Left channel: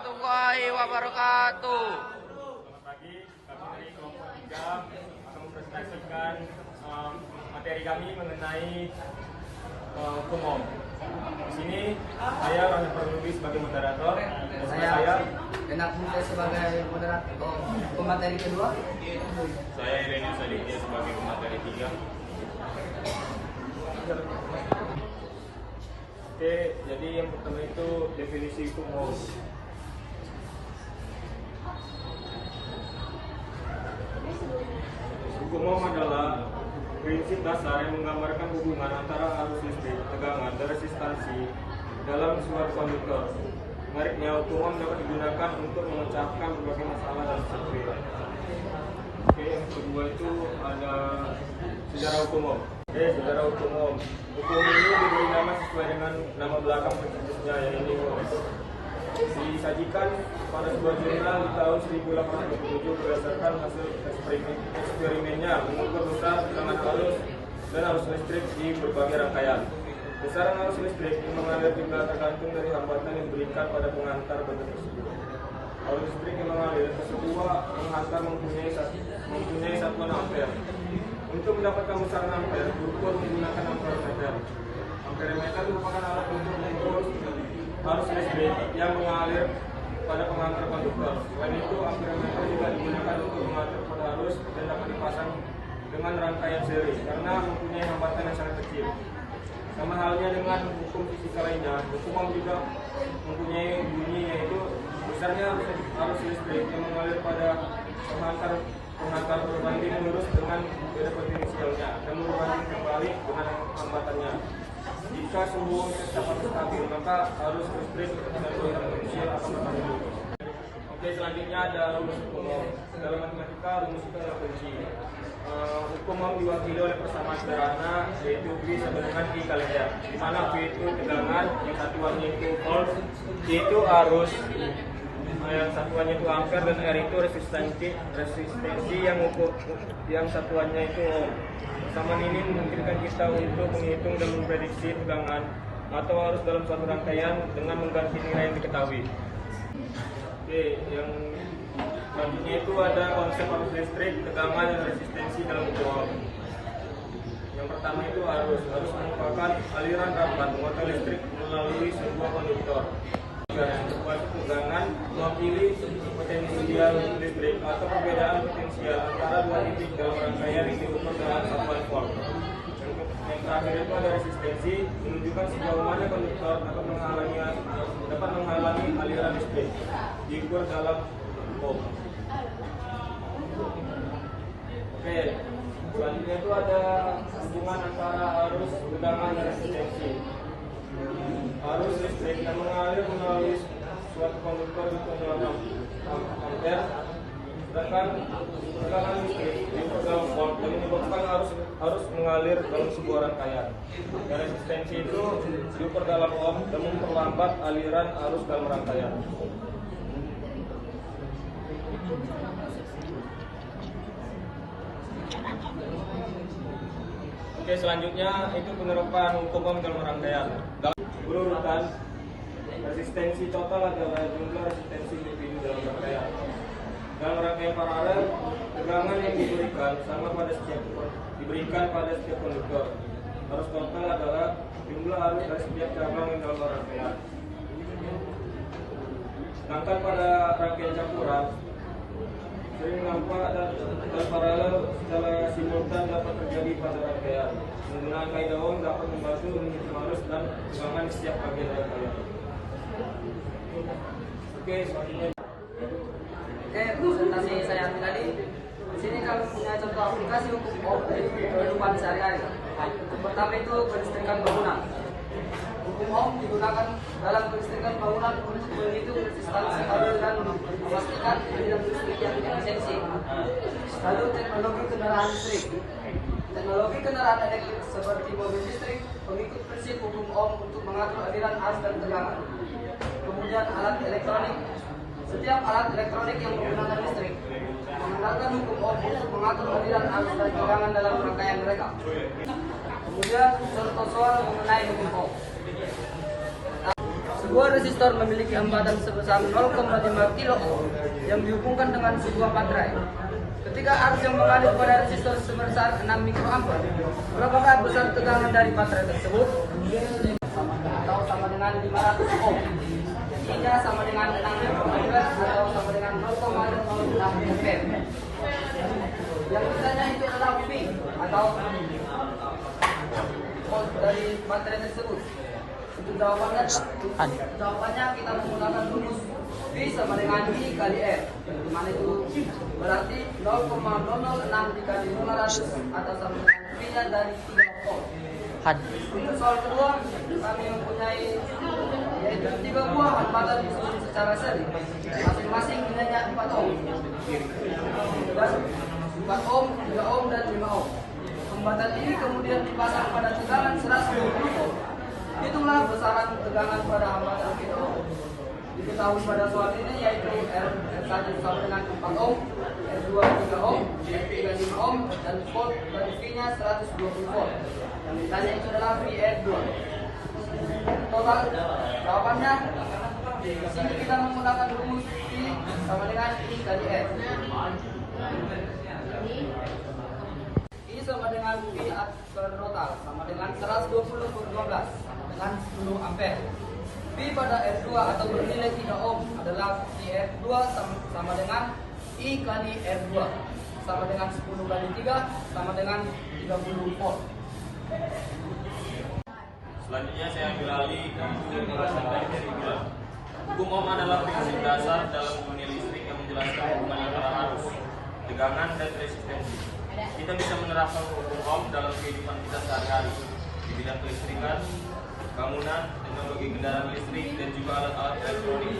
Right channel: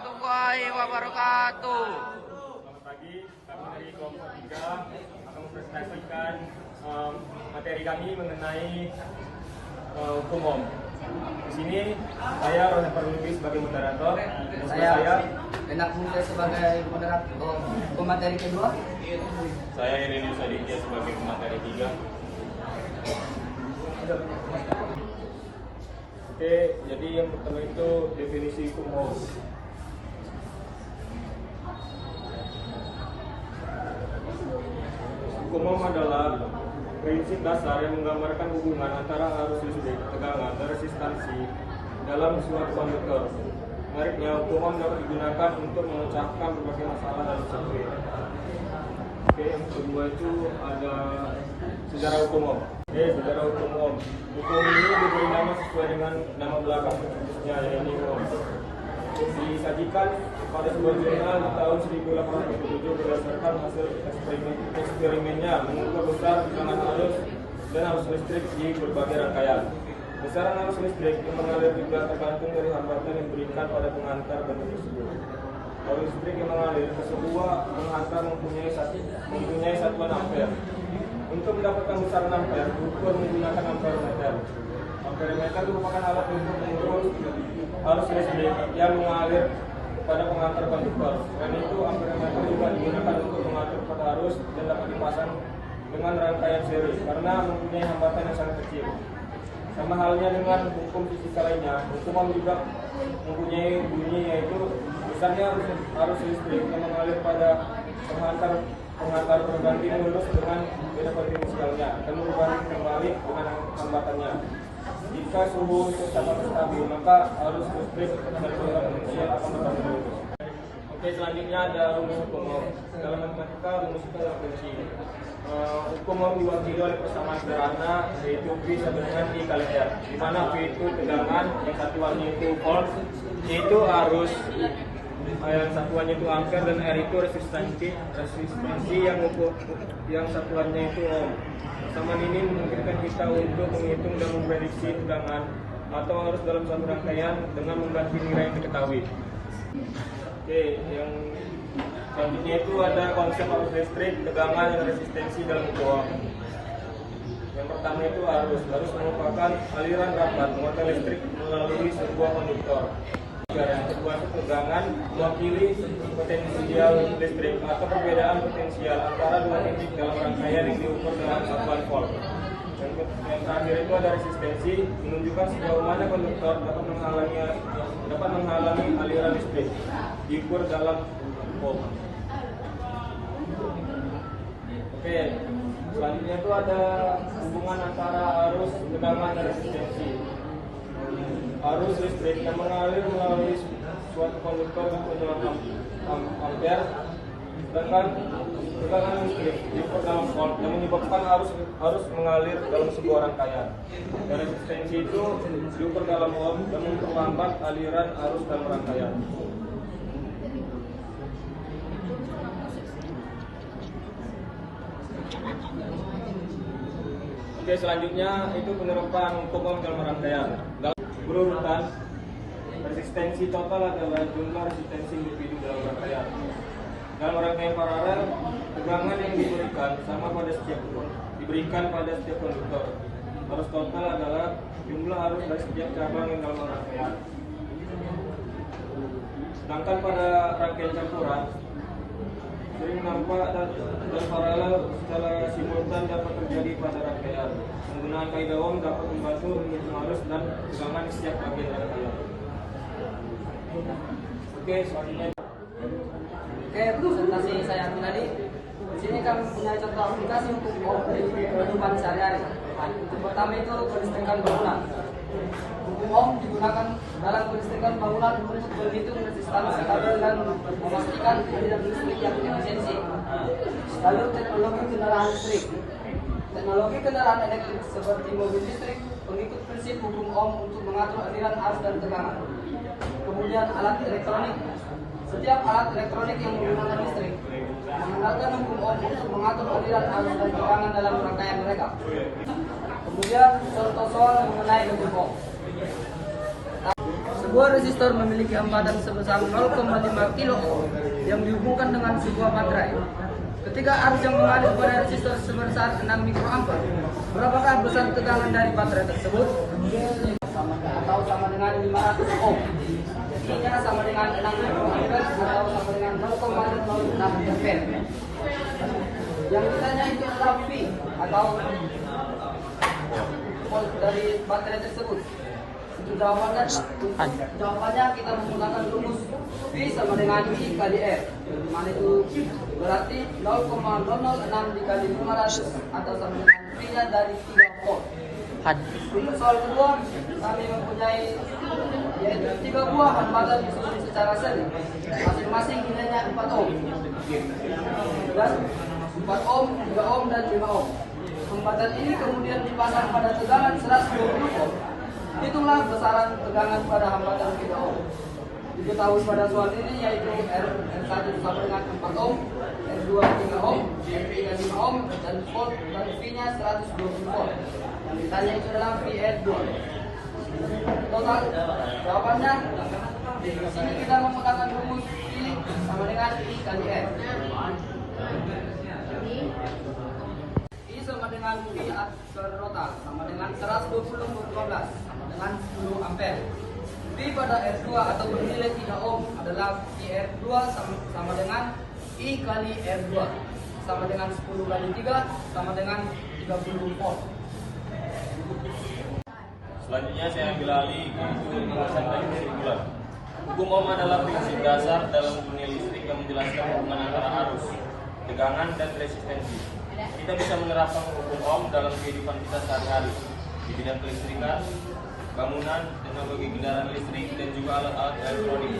warahmatullahi wabarakatuh. Selamat pagi, kami dari kelompok 3 akan mempresentasikan materi kami mengenai hukum HOM. Di sini saya Ronald Perludi sebagai moderator dan saya Enak Mulia sebagai moderator pemateri kedua. Saya Irene Sadikya sebagai pemateri 3. Oke, jadi yang pertama itu definisi hukum HOM. Hukum HOM adalah prinsip dasar yang menggambarkan hubungan antara arus listrik, tegangan, dan resistansi dalam suatu konduktor. Menariknya, hukum HOM dapat digunakan untuk memecahkan berbagai masalah dalam sirkuit. Oke, yang kedua itu ada sejarah hukum HOM. Sejarah hukum HOM. Hukum ini diberi nama sesuai dengan nama belakang pencetusnya, yaitu HOM. Disajikan pada sebuah jurnal di tahun 1877 berdasarkan hasil eksperimennya mengukur besar tekanan arus dan arus listrik di berbagai rangkaian. Besaran arus listrik yang mengalir juga tergantung dari hambatan yang diberikan pada pengantar bentuk tersebut. Arus listrik yang mengalir ke sebuah pengantar mempunyai satuan ampere. Untuk mendapatkan besaran ampere diukur menggunakan ampere meter. Ampere meter merupakan alat untuk mengukur arus listrik yang mengalir pada pengantar konduktor. Selain itu, ampere meter juga digunakan untuk mengatur pada arus dan dapat dipasang dengan rangkaian seri karena mempunyai hambatan yang sangat kecil. Sama halnya dengan hukum fisika lainnya, hukum HOM juga mempunyai bunyi, yaitu besarnya arus listrik yang mengalir pada penghantar berbanding lurus dengan beda potensialnya dan berbanding kembali dengan hambatannya. Jika suhu tetap stabil, maka arus listrik dan beda potensial akan berbanding lurus. Oke, selanjutnya ada rumus hukum HOM. Dalam matematika, rumus itu adalah kunci. Hukum HOM diwakili oleh persamaan sederhana, yaitu V sama dengan I kali R, di mana V itu tegangan, yang satuannya itu volt, V itu arus, yang satuannya itu ampere, dan R itu resistensi yang satuannya itu ohm. Samaan ini memungkinkan kita untuk menghitung dan memprediksi tegangan atau arus dalam satu rangkaian dengan membantu nilai yang diketahui. Oke, yang selanjutnya itu ada konsep arus listrik, tegangan, dan resistensi dalam hukum HOM. Yang pertama itu arus merupakan aliran rapat muatan listrik melalui sebuah konduktor. Yang kedua itu tegangan, mewakili potensial listrik atau perbedaan potensial antara dua titik dalam rangkaian yang diukur dalam satuan volt. Yang terakhir itu ada resistensi, menunjukkan sejauh mana konduktor dapat menghalangi aliran listrik, diukur dalam ohm. Oke, selanjutnya itu ada hubungan antara arus, tegangan, dan resistensi. Arus listrik yang mengalir melalui suatu konduktor dengan ampere, sedangkan tegangan listrik diukur dalam volt yang menyebabkan arus mengalir dalam sebuah rangkaian. Dan resistensi itu diukur dalam ohm untuk menghambat aliran arus dalam rangkaian. Oke, selanjutnya itu penerapan hukum HOM dalam rangkaian. Berurutan, resistensi total adalah jumlah resistensi individu dalam rangkaian. Dalam rangkaian paralel, tegangan yang diberikan pada setiap konduktor. Arus total adalah jumlah arus dari setiap cabang yang dalam rangkaian. Sedangkan pada rangkaian campuran, sering nampak dan paralel secara simultan dapat terjadi pada rangkaian. Menggunakan kaidah HOM dapat membantu menghitung arus dan tegangan di setiap bagian rangkaian. Oke, selanjutnya. Oke, presentasi saya ambil tadi. Di sini kami punya contoh aplikasi untuk HOM di kehidupan sehari-hari. Untuk pertama itu kelistrikan bangunan. Hukum HOM digunakan dalam kelistrikan bangunan untuk menghitung resistansi kabel dan memastikan aliran listrik yang efisiensi. Lalu teknologi kendaraan listrik. Teknologi kendaraan elektrik seperti mobil listrik mengikut prinsip hukum HOM untuk mengatur aliran arus dan tegangan. Kemudian alat elektronik. Setiap alat elektronik yang menggunakan listrik menggunakan hukum HOM untuk mengatur aliran arus dan tegangan dalam rangkaian mereka. Kemudian contoh soal mengenai hukum HOM. sebuah resistor memiliki hambatan sebesar 0,5 kilo yang dihubungkan dengan sebuah baterai. Ketika arus yang mengalir pada resistor sebesar 6 mikroampere, berapakah besar tegangan dari baterai tersebut? Sama dengan 500 ohm. Hingga sama dengan 6 mikroampere atau sama dengan 0,06 ampere. Yang misalnya itu adalah V atau volt dari baterai tersebut. Untuk jawabannya kita menggunakan rumus V sama dengan I kali R, mana itu berarti 0,006 dikali 500 atau sama dengan V nya dari 3 volt. Untuk soal kedua, kami mempunyai yaitu 3 buah hambatan disusun secara seri, masing-masing nilainya 4 ohm. Dan 4 ohm, 3 ohm, dan 5 ohm. Hambatan ini kemudian dipasang pada tegangan 120 volt. Hitunglah besaran tegangan pada hambatan 3 ohm. Diketahui pada soal ini yaitu R1 sama dengan 4 ohm, R2 3 ohm, R3 5 ohm, dan volt dan V-nya 120 volt. Yang ditanya itu adalah VR2. Total jawabannya di sini kita menggunakan rumus V sama dengan I kali R. I sama dengan V total sama dengan 120/15 dengan 10 ampere. V pada R2 atau bernilai 3 ohm adalah VR2 sama dengan I kali R2 sama dengan 10 kali 3 sama dengan 30 volt. Selanjutnya saya ambil alih ke penjelasan teknis regular. Hukum Ohm adalah prinsip dasar dalam dunia listrik yang menjelaskan hubungan antara arus, tegangan, dan resistensi. Kita bisa menerapkan hukum Ohm dalam kehidupan kita sehari-hari di bidang kelistrikan, bangunan, teknologi kendaraan listrik, dan juga alat-alat elektronik.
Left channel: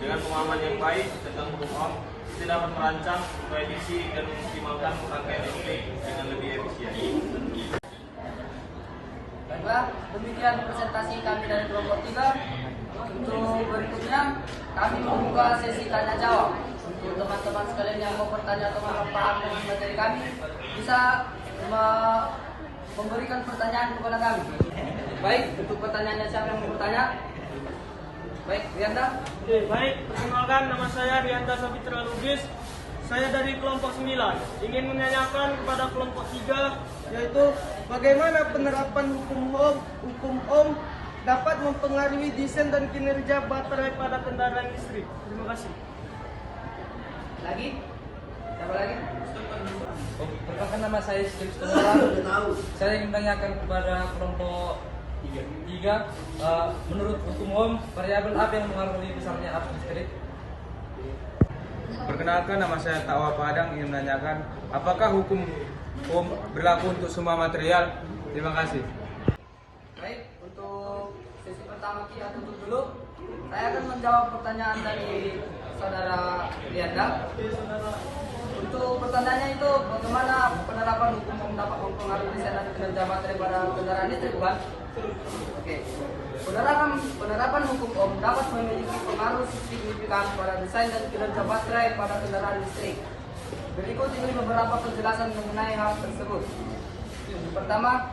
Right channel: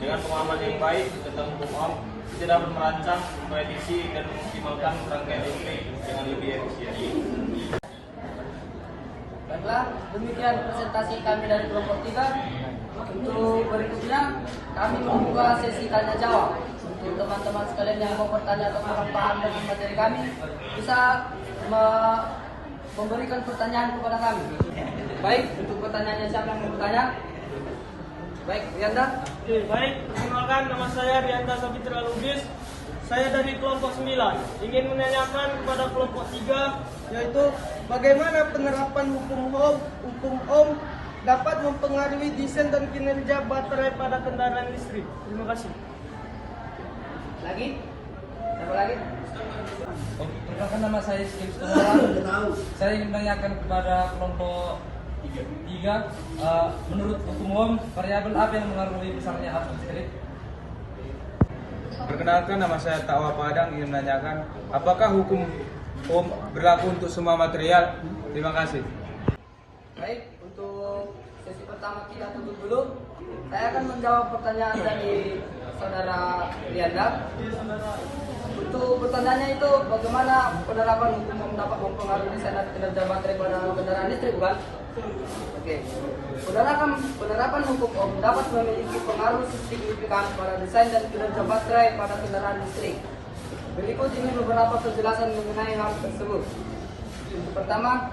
Dengan pemahaman yang baik tentang hukum Ohm, kita dapat merancang, memprediksi, dan mengoptimalkan rangkaian listrik dengan lebih efisien. Baiklah, demikian presentasi kami dari kelompok 3. Untuk berikutnya, kami membuka sesi tanya jawab. Untuk teman-teman sekalian yang mau bertanya atau kurang paham dengan materi kami, bisa memberikan pertanyaan kepada kami. Baik, untuk pertanyaannya siapa yang mau bertanya? Baik, Rianda. Baik, perkenalkan nama saya Rianda Sabitra Lubis. Saya dari kelompok 9 ingin menanyakan kepada kelompok 3 yaitu bagaimana penerapan hukum Ohm dapat mempengaruhi desain dan kinerja baterai pada kendaraan listrik. Terima kasih. Lagi? Siapa lagi? Perkenalkan nama saya Saya ingin menanyakan kepada kelompok 3, menurut hukum Ohm, variabel apa yang mengaruhi besarnya arus listrik? Perkenalkan, nama saya Takwa Padang, ingin menanyakan apakah hukum Ohm berlaku untuk semua material? Terima kasih. Baik, untuk sesi pertama kita tutup dulu. Saya akan menjawab pertanyaan dari saudara Rianda. Untuk pertanyaannya itu bagaimana penerapan hukum Ohm dapat mempengaruhi desain kinerja baterai pada kendaraan listrik, bukan? Oke. Penerapan hukum Ohm dapat memiliki pengaruh signifikan pada desain dan kinerja baterai pada kendaraan listrik. Berikut ini beberapa penjelasan mengenai hal tersebut. Untuk pertama,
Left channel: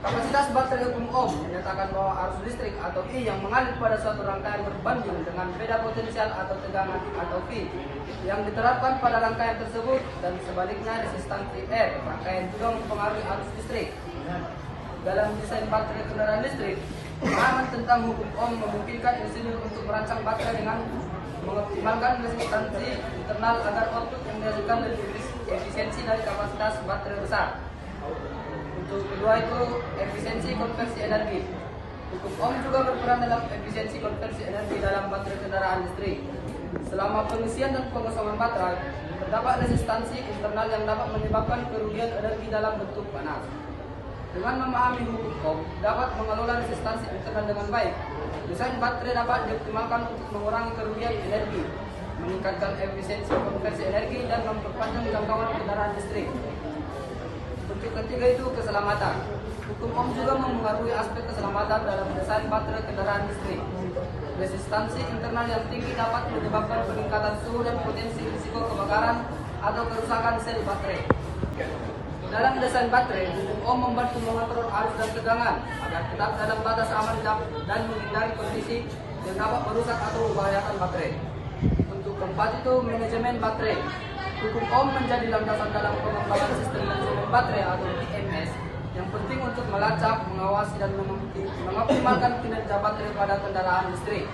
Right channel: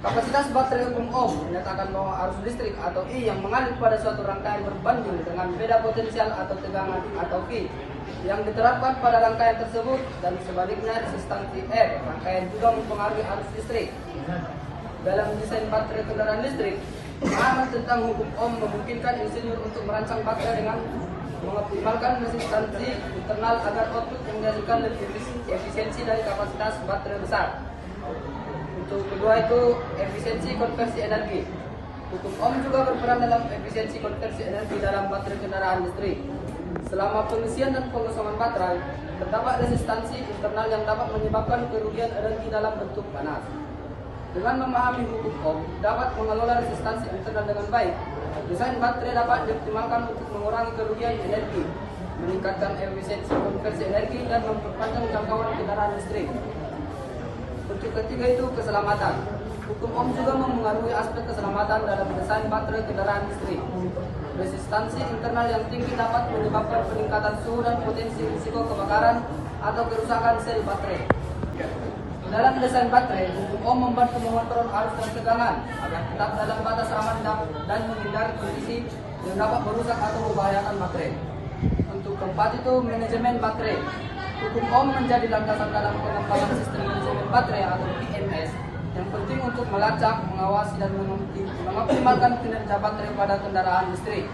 kapasitas baterai hukum Ohm menyatakan bahwa arus listrik atau I yang mengalir pada suatu rangkaian berbanding dengan beda potensial atau tegangan atau V yang diterapkan pada rangkaian tersebut, dan sebaliknya resistansi R rangkaian juga mempengaruhi arus listrik. Dalam desain baterai kendaraan listrik, pemahaman tentang hukum Ohm memungkinkan insinyur untuk merancang baterai dengan mengoptimalkan resistansi internal agar output yang dihasilkan lebih efisiensi dari kapasitas baterai besar. Untuk kedua itu efisiensi konversi energi. Hukum Ohm juga berperan dalam efisiensi konversi energi dalam baterai kendaraan listrik. Selama pengisian dan pengosongan baterai, terdapat resistansi internal yang dapat menyebabkan kerugian energi dalam bentuk panas. Dengan memahami hukum Ohm dapat mengelola resistansi internal dengan baik, desain baterai dapat dioptimalkan untuk mengurangi kerugian energi, meningkatkan efisiensi konversi energi, dan memperpanjang jangkauan kendaraan listrik. Bentuk ketiga itu keselamatan. Hukum Ohm juga memengaruhi aspek keselamatan dalam desain baterai kendaraan listrik. Resistansi internal yang tinggi dapat menyebabkan peningkatan suhu dan potensi risiko kebakaran atau kerusakan sel baterai. Dalam desain baterai, hukum Ohm membantu mengontrol arus dan tegangan agar tetap dalam batas aman dan menghindari kondisi yang dapat merusak atau membahayakan baterai. Untuk keempat itu manajemen baterai. Hukum Ohm menjadi landasan dalam pengembangan sistem manajemen baterai atau BMS yang penting untuk melacak, mengawasi, dan mengoptimalkan kinerja baterai pada kendaraan listrik.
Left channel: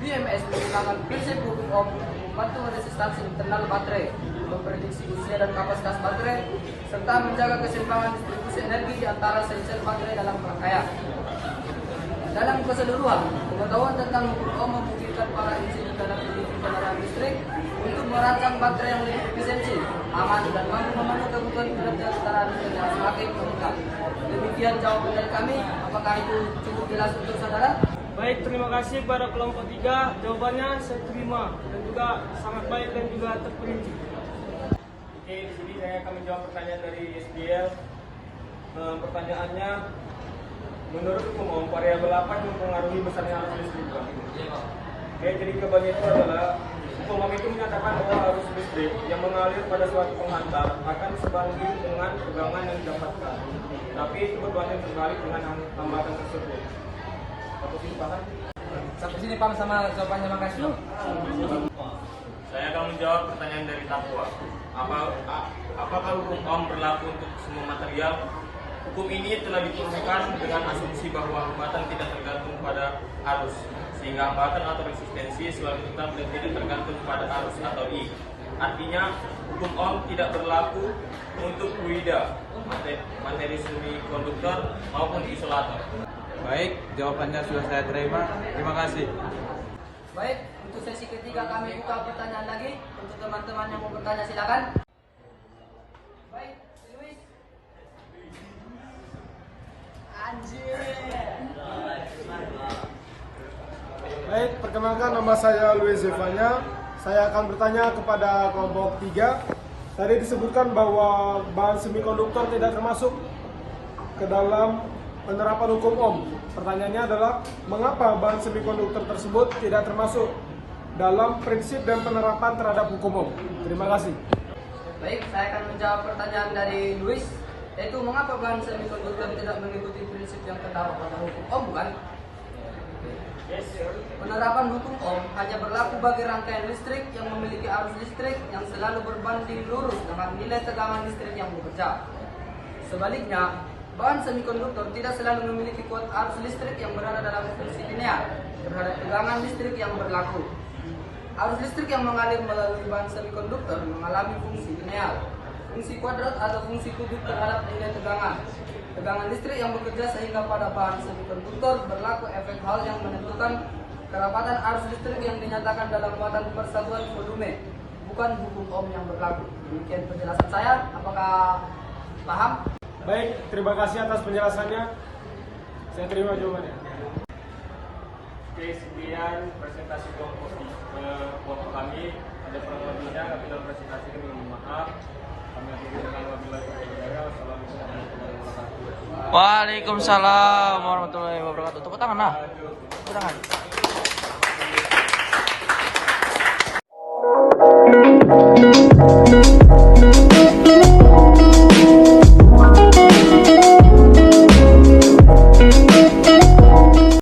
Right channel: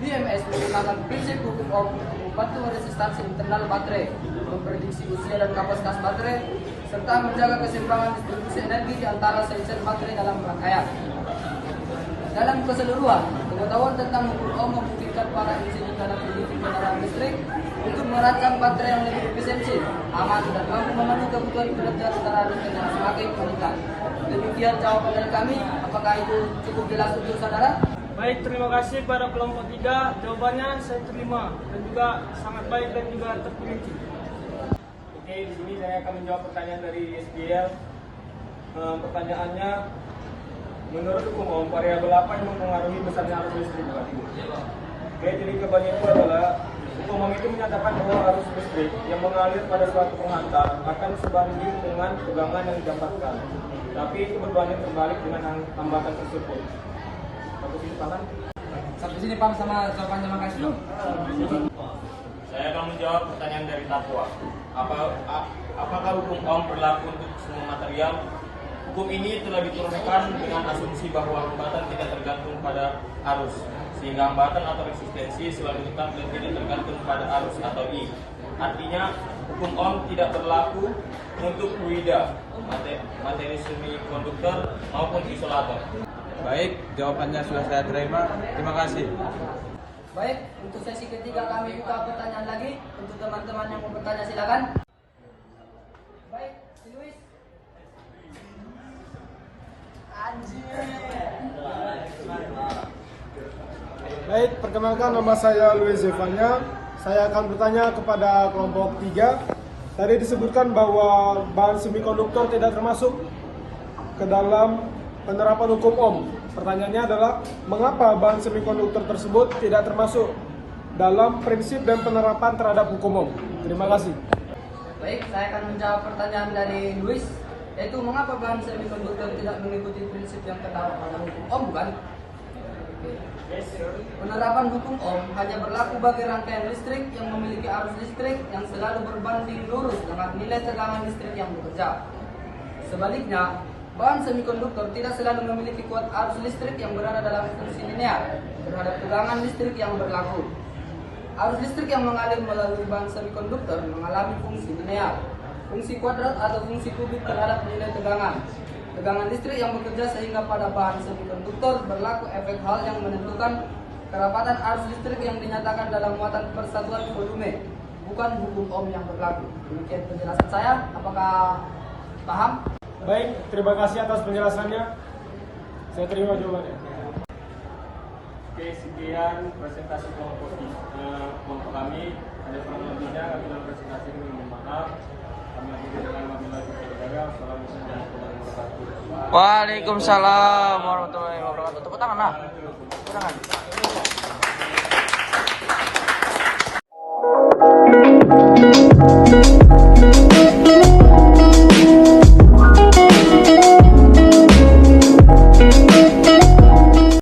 BMS menggunakan prinsip hukum Ohm untuk membantu resistansi internal baterai, memprediksi usia dan kapasitas baterai, serta menjaga keseimbangan distribusi energi di antara sel-sel baterai dalam rangkaian. Dalam keseluruhan, pengetahuan tentang hukum Ohm memungkinkan para insinyur dan peneliti kendaraan listrik untuk merancang baterai yang lebih efisiensi, aman, dan mampu memenuhi kebutuhan kinerja kendaraan listrik yang semakin meningkat. Demikian jawaban dari kami. Apakah itu cukup jelas untuk saudara? Baik, terima kasih pada kelompok 3. Jawabannya saya terima dan juga sangat baik dan juga terperinci. Oke, di sini saya akan menjawab pertanyaan dari SPL. Pertanyaannya, menurut hukum Ohm, variabel apa yang mempengaruhi besarnya arus listrik? Oke, jadi kebanyakan itu adalah hukum Ohm itu menyatakan bahwa arus listrik yang mengalir pada suatu penghantar akan sebanding dengan tegangan yang didapatkan. Tapi itu berbanding terbalik dengan hambatan tersebut. Aku sini paham? Sampai sini paham sama jawabannya, makasih Pak. Saya akan menjawab pertanyaan dari Tapua. Apakah hukum Ohm berlaku untuk semua material? Hukum ini telah diturunkan dengan asumsi bahwa hambatan tidak tergantung pada arus, sehingga hambatan atau resistensi selalu tetap dan tidak tergantung pada arus atau I. Artinya, hukum Ohm tidak berlaku untuk fluida, materi semikonduktor maupun isolator. Baik, jawabannya sudah saya terima. Terima kasih. Baik, untuk sesi ketiga kami buka pertanyaan lagi. Untuk teman-teman yang mau bertanya silakan. Baik, si Luis. Baik, perkenalkan nama saya Luis Zevanya. Saya akan bertanya kepada kelompok 3. Tadi disebutkan bahwa bahan semikonduktor tidak termasuk ke dalam penerapan hukum Ohm. Pertanyaannya adalah, mengapa bahan semikonduktor tersebut tidak termasuk dalam prinsip dan penerapan terhadap hukum Ohm? Terima kasih. Baik, saya akan menjawab pertanyaan dari Luis, yaitu mengapa bahan semikonduktor tidak mengikuti prinsip yang terdapat dalam hukum Ohm, bukan? Penerapan hukum Ohm hanya berlaku bagi rangkaian listrik yang memiliki arus listrik yang selalu berbanding lurus dengan nilai tegangan listrik yang bekerja. Sebaliknya, bahan semikonduktor tidak selalu memiliki kuat arus listrik yang berada dalam fungsi linear terhadap tegangan listrik yang berlaku. Arus listrik yang mengalir melalui bahan semikonduktor mengalami fungsi linear, fungsi kuadrat atau fungsi kubik terhadap nilai tegangan. Tegangan listrik yang bekerja sehingga pada bahan semikonduktor berlaku efek Hall yang menentukan kerapatan arus listrik yang dinyatakan dalam muatan persatuan volume, bukan hukum Ohm yang berlaku. Demikian penjelasan saya. Apakah paham? Baik, terima kasih atas penjelasannya. Saya terima jawabannya. Oke, sekian presentasi kelompok kami. Ada kurang lebihnya, kami dalam presentasi ini mohon maaf. Kami akan wabillahi taufiq. Assalamualaikum warahmatullahi wabarakatuh. Waalaikumsalam warahmatullahi wabarakatuh. Tepuk tangan, no.